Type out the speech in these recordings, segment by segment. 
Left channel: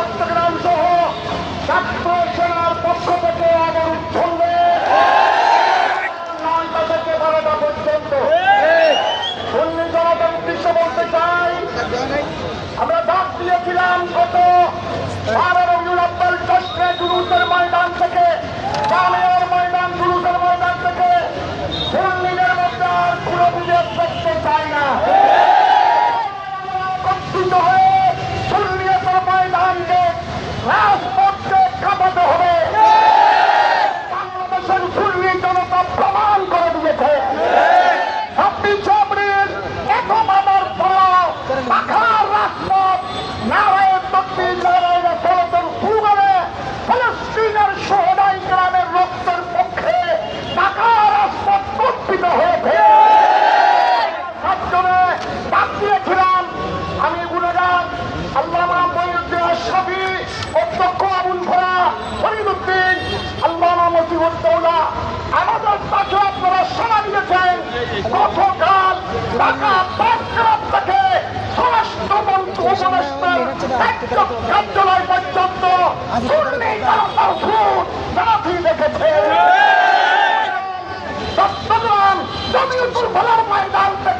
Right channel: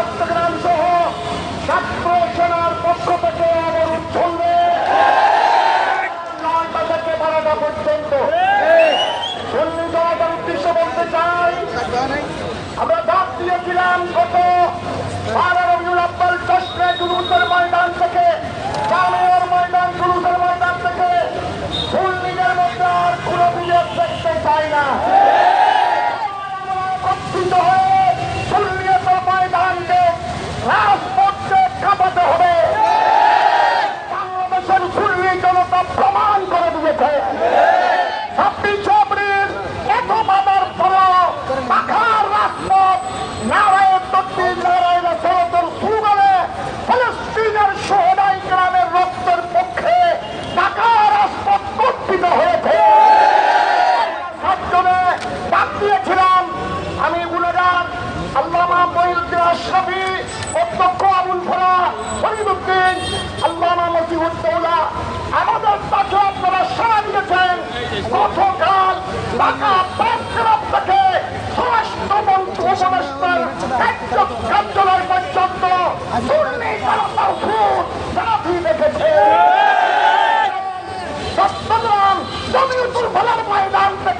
চট্টগ্রাম সহ ছাত্র সেনার পক্ষ থেকে আবার চলবে থেকে বারোটা পর্যন্ত সুন্নি জনতার উদ্দেশ্যে বলতে চাই। আমরা ডাক দিয়েছিলাম গত অধ্যক্ষ আবুল ফরা ফরিদুদ্দিন আল্লামা মসিউদ্দৌলা আমাদের পাশে আপনারা সারা দিয়েছেন গতকাল ঢাকা প্রেস ক্লাব থেকে স্বরাষ্ট্রমন্ত্রী উপদেষ্টার একজন কার্যালয় পর্যন্ত সাথী দেখেছে। চট্টগ্রাম ফলার ময়দান থেকে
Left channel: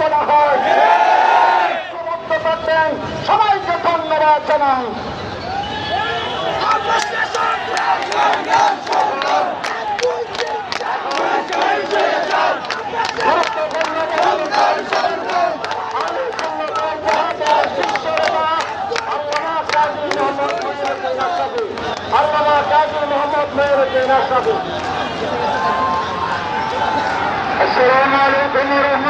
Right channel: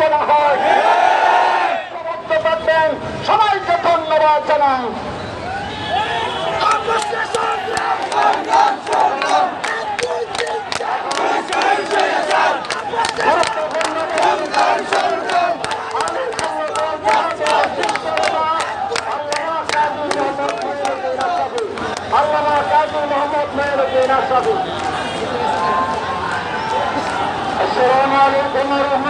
না হয়। সবাইকে ধন্যবাদ জানাই। আমি কাজী মোহাম্মদ আলাইকুম ওয়া রাহমাতুল্লাহ